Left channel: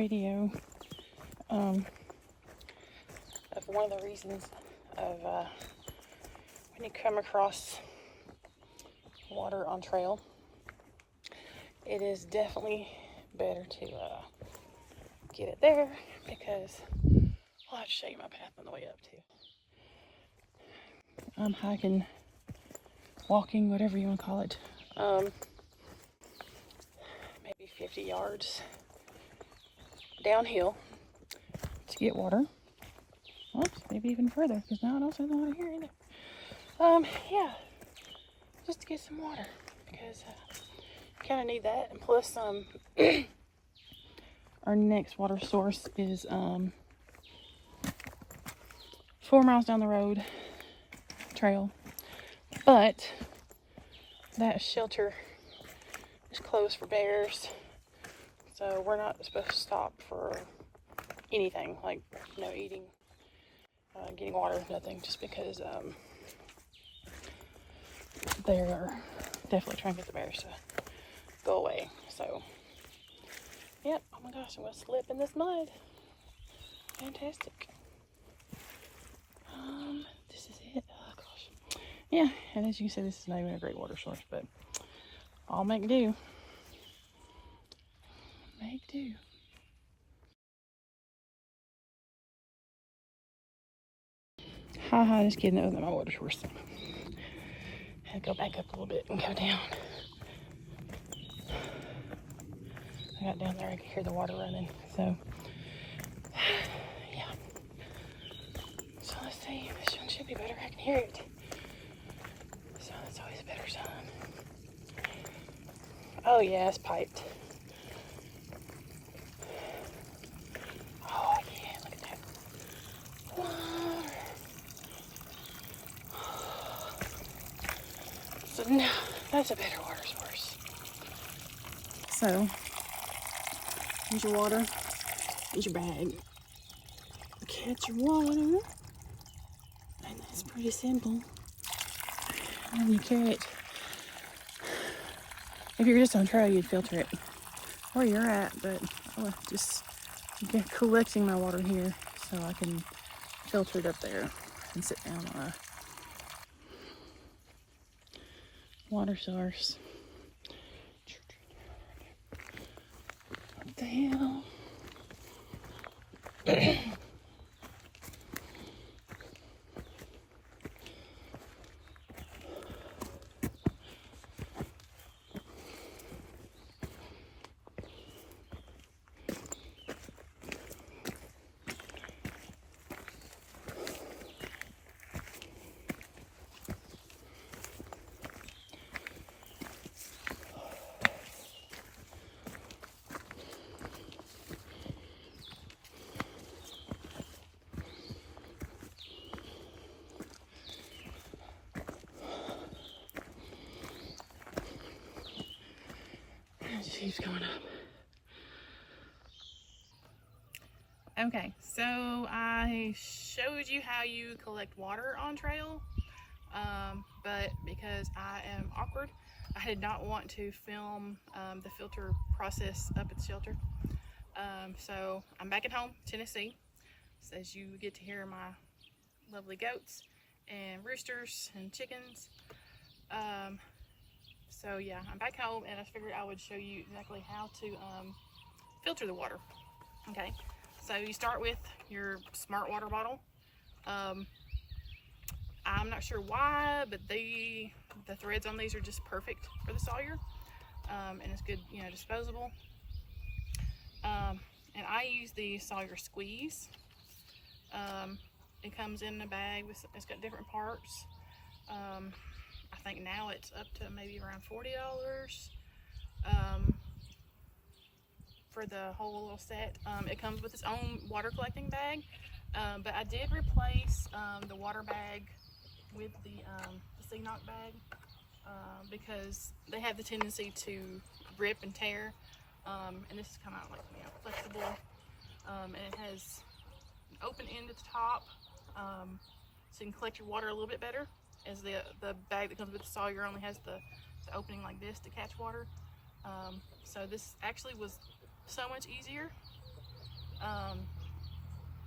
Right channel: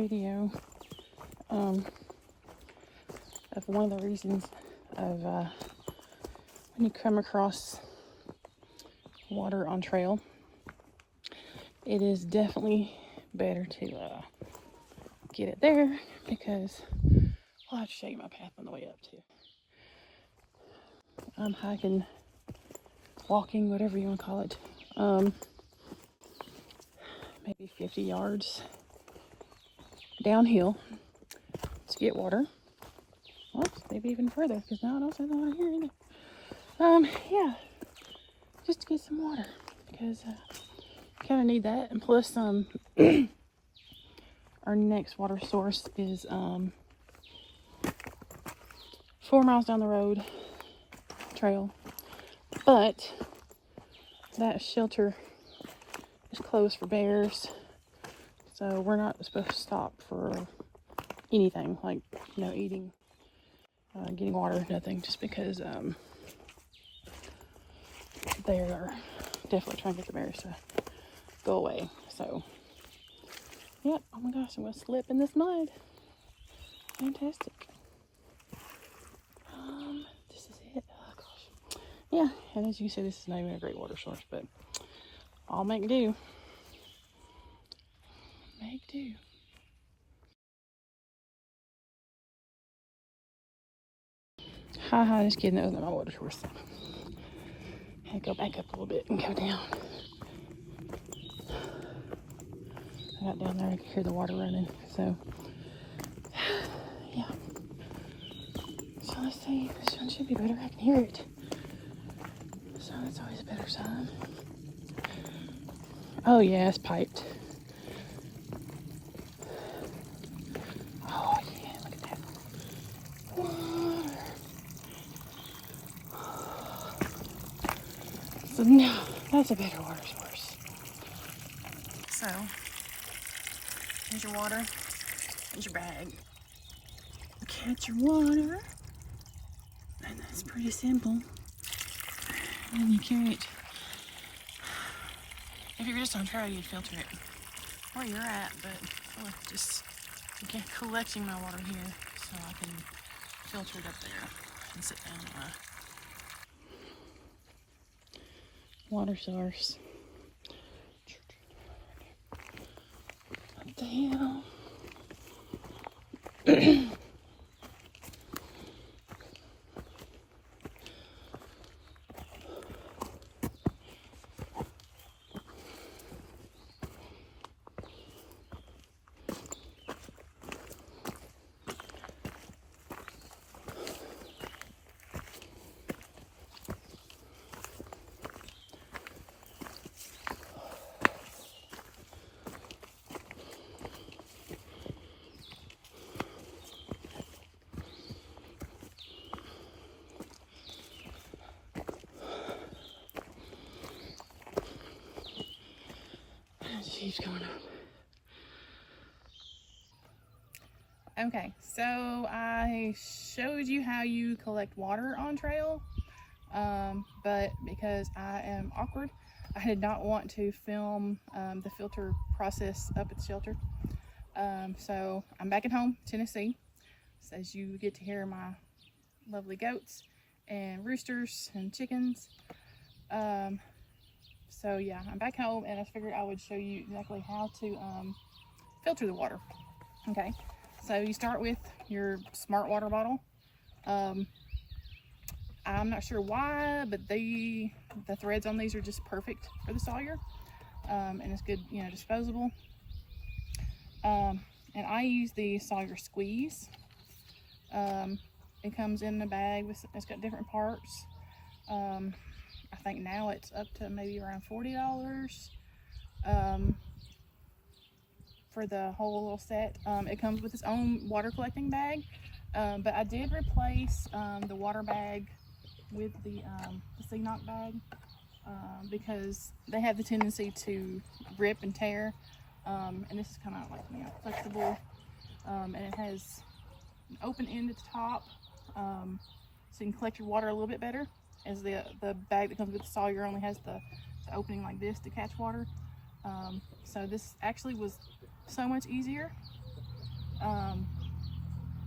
video of one of the reasons of when you come across water on trail. It is definitely better to get it there, because I'll have to show you my path on the way up too. I'm hiking, walking, whatever you want to call it. Maybe 50 yards downhill to get water. Oops, maybe even further, because no one else is over here either. Yeah, just to get some water, because I kind of need that. And plus, our next water source is 4 miles down the road trail, but that shelter is closed for bears, so we're not supposed to stop for anything, like, you know, eating, getting water, nothing, just because they are definitely trying to get the bears to go away. So yeah, oh my gosh, I'm gonna slip in this mud. Fantastic. This is it. Oh gosh. Yeah, and as you can see, this is not even a great water source, but I'll make do. Make do. Haha, just kidding, that wasn't my water source. And go back up a little bit and go down. I got down there, I could hear the water running, so yeah. So let's see, this one should be better, I can hear it. So that's always a better sign. Oh yeah, it's piped. Oh yeah, look at that. So now, that's a better water source. So, here's your water, here's your bag. Catch your water, and that's pretty simple. And then you carry it. If you're just on trail, you'd filter it where you're at, but I was just collecting my water here so I can filter it up there and sit down on a water source. What the hell? It keeps going up. Okay, so I showed you how you collect water on trail, but because I am awkward, I did not want to film the filter process up at the shelter. So I'm back at home, Tennessee, so as you get to hear my lovely goats and roosters and chickens. So yeah, I'm back home, and I figured I would show you exactly how to filter the water. Okay, so you start with your smart water bottle. I'm not sure why, but the threads on these are just perfect for the Sawyer, and it's good, you know, disposable. And I use the Sawyer Squeeze. It comes in a bag with, it's got different parts. I think now it's up to maybe around $40 for the whole little set. It comes with its own water collecting bag, but I did replace the water bag with the C-Knock bag because they have the tendency to rip and tear, and this is kind of like, you know, flexible, and it has an open end at the top, so you can collect your water a little bit better, as the bag that comes with the Sawyer only has the opening like this to catch water. So this actually was so much easier I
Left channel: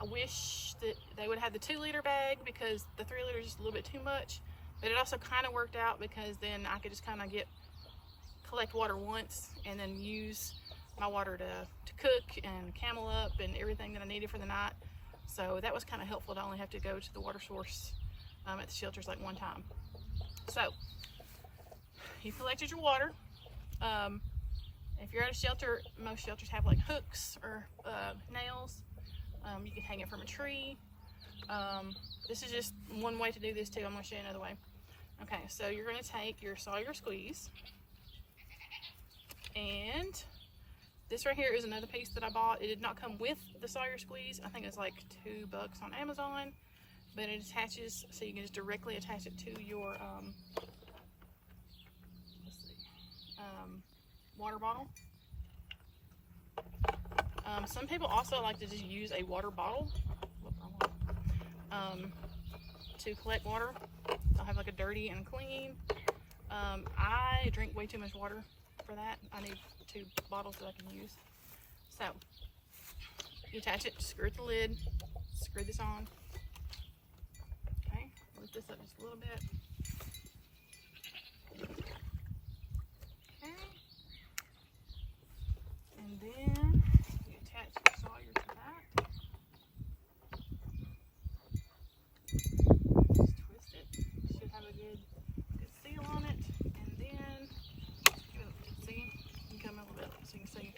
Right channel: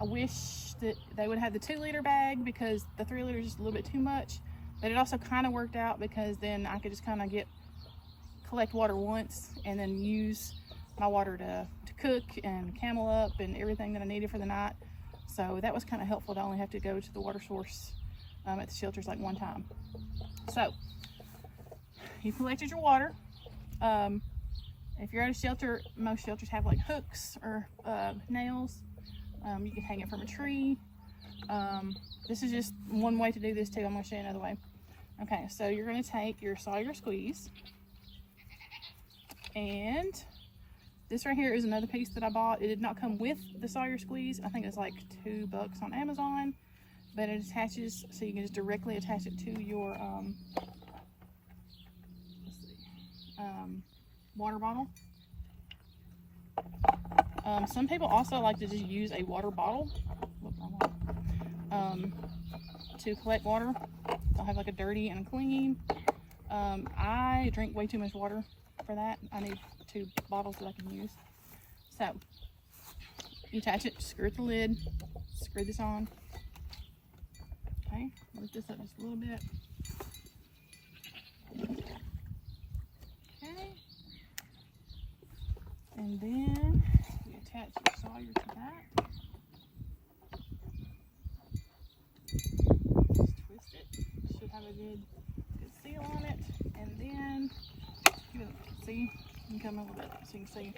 wish that they would have the 2-liter bag because the 3-liter is just a little bit too much, but it also kind of worked out because then I could just kind of collect water once and then use my water to cook and camel up and everything that I needed for the night. So that was kind of helpful to only have to go to the water source at the shelters like one time. So you collected your water. If you're at a shelter, most shelters have like hooks or nails. You can hang it from a tree. This is just one way to do this too. I'm going to show you another way. Okay, so you're going to take your Sawyer squeeze, and this right here is another piece that I bought. It did not come with the Sawyer squeeze. I think it's like $2 on Amazon, but it attaches, so you can just directly attach it to your water bottle. Some people also like to just use a water bottle to collect water. They'll have like a dirty and a clean. I drink way too much water for that. I need 2 bottles that I can use. So you attach it, screw the lid, screw this on. Okay, lift this up just a little bit. Okay, and then you attach your Sawyer to that. Just twist it. Should have a good seal on it, and then give it a see. You can come a little bit so you can see.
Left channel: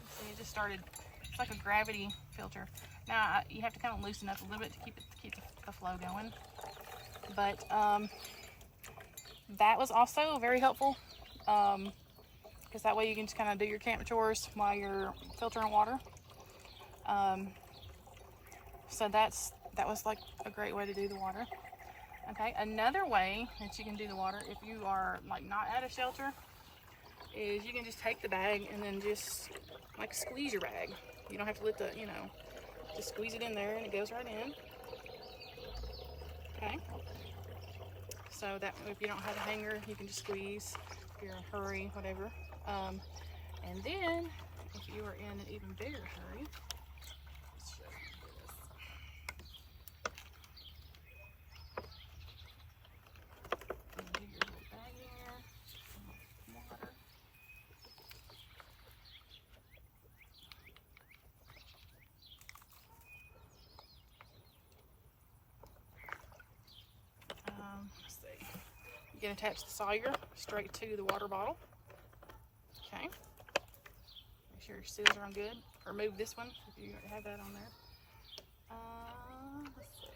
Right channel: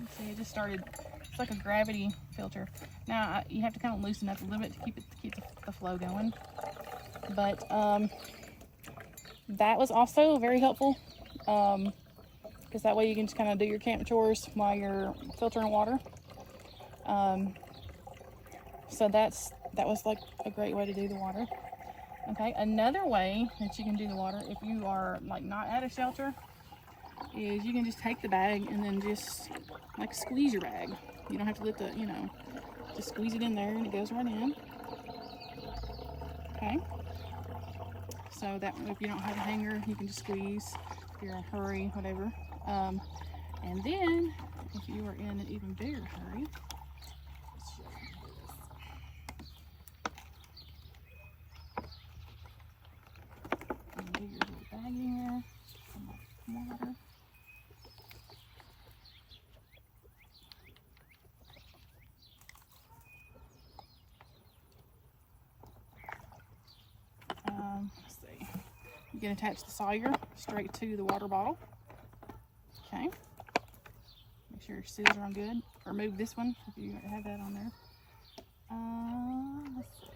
You see, it just started. It's like a gravity filter. Now you have to kind of loosen up a little bit to keep the flow going. But that was also very helpful because that way you can just kind of do your camp chores while you're filtering water. So that was like a great way to do the water. Okay, another way that you can do the water if you are like not at a shelter is you can just take the bag and then just like squeeze your bag. You don't have to let the, just squeeze it in there and it goes right in. Okay. So that if you don't have a hanger, you can just squeeze if you're in a hurry, whatever. And then if you are in an even bigger hurry, do your little bag in here, some water. Let's see. You can attach the Sawyer straight to the water bottle. Okay. Make sure your seals are on good. Remove this one if you have that on there. Let's see.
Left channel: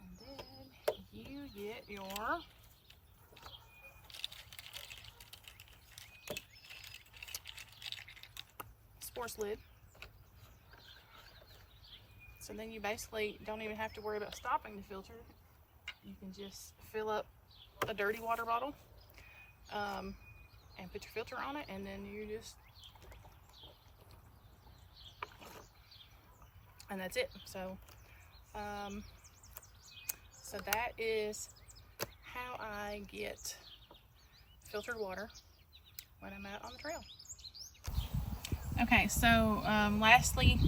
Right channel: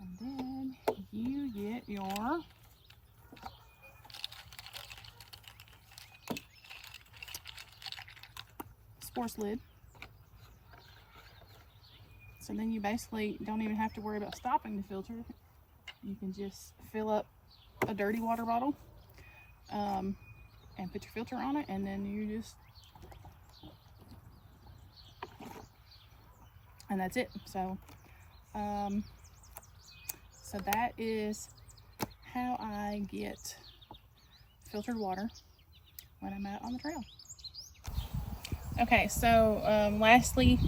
And then you get your sports lid. So then you basically don't even have to worry about stopping the filter. You can just fill up a dirty water bottle and put your filter on it, and then you just, and that's it. So, so that is how I get filtered water when I'm out on the trail. Okay, so lastly,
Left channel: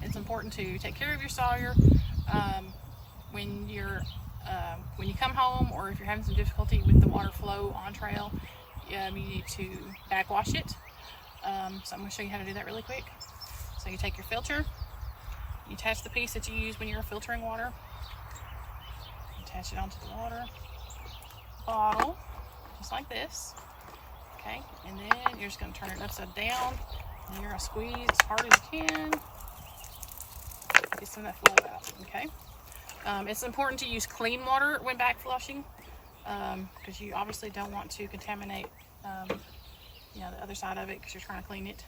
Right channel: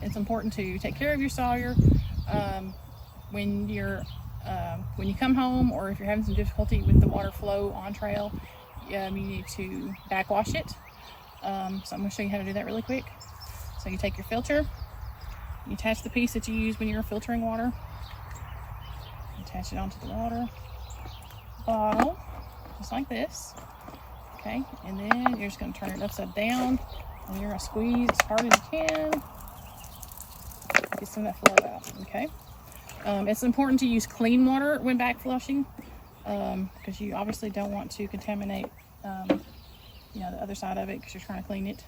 it's important to take care of your Sawyer when you come home, or if you're having some difficulty with the water flow on trail. You need to backwash it. So I'm going to show you how to do that really quick. So you take your filter, you attach the piece that you use when you're filtering water, attach it onto the water bottle, just like this. Okay, and then you're just going to turn it upside down, and you're going to squeeze as hard as you can. Get some of that flow out. Okay, it's important to use clean water when back flushing because you obviously don't want to contaminate the other side of it because you're trying to clean it.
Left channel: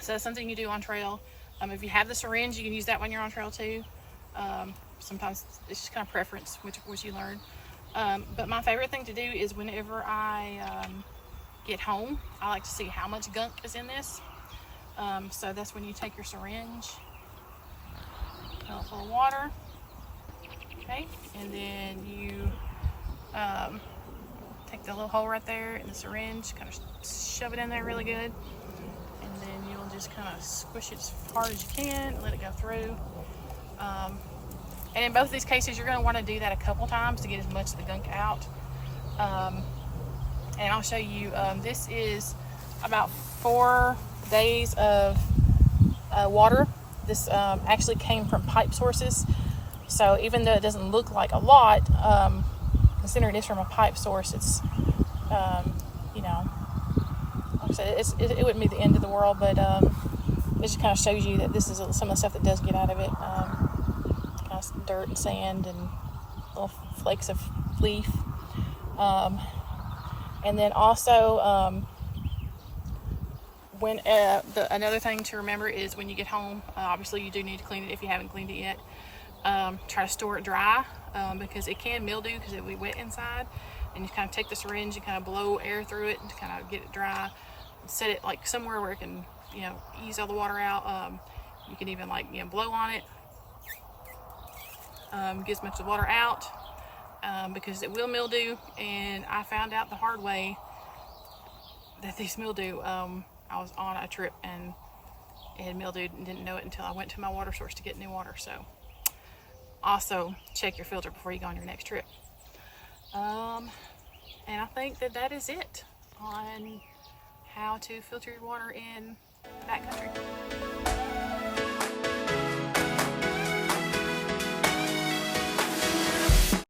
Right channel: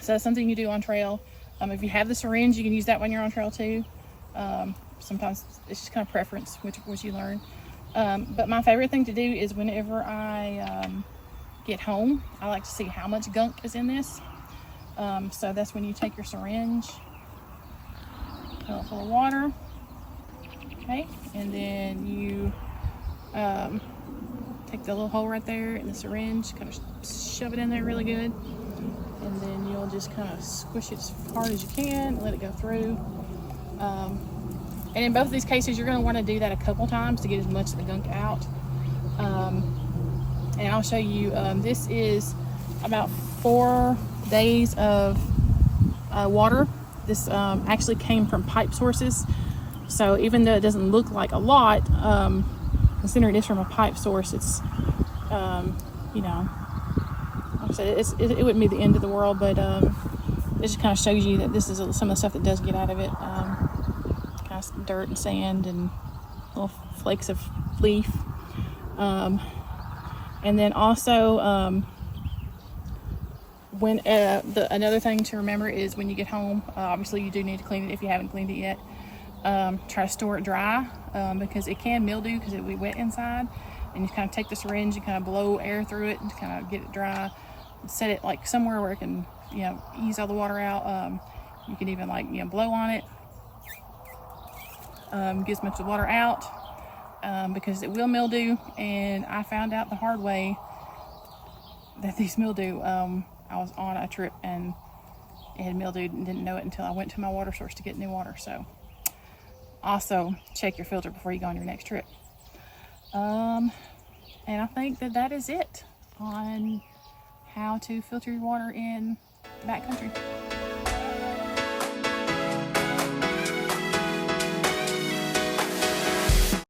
So that's something you do on trail. If you have the syringe, you can use that when you're on trail too. Sometimes it's just kind of preference which you learn. But my favorite thing to do is whenever I get home, I like to see how much gunk is in this. So that's when you take your syringe, fill it full of water, okay, and then you take the little hole right there in the syringe, kind of shove it in there really good, and then you'll just kind of squish it as hard as you can and let it go through. And in both of these cases, you're going to want to do that a couple times to get as much of the gunk out. And I'll show you, this is about 4 days of water. This actually came from pipe sources. So even though it doesn't look like a lot, considering it is from a pipe source, it's, you know, like I said, it wouldn't be the end of the world, but it just kind of shows you that this is some of the stuff that does get out of it. Kind of some dirt and sand and little flakes of leaf. And then also, another thing to remember is when you get home, obviously you do need to clean it if you haven't cleaned it yet. Try to store it dry, because it can mildew because it will be wet inside. And you kind of take the syringe and kind of blow air through it to kind of get it dry. Set it like somewhere where it can, you know, ease all the water out. You can even, like, you know, blow on it, get as much of the water out, because it will mildew. And I found out the hard way that these mildew, I was on a trip and it had mildewed and didn't know it until I went to my water source to get new water. So also check your filter before you go on your next trip. And I think that is it on how to filter your water in backcountry.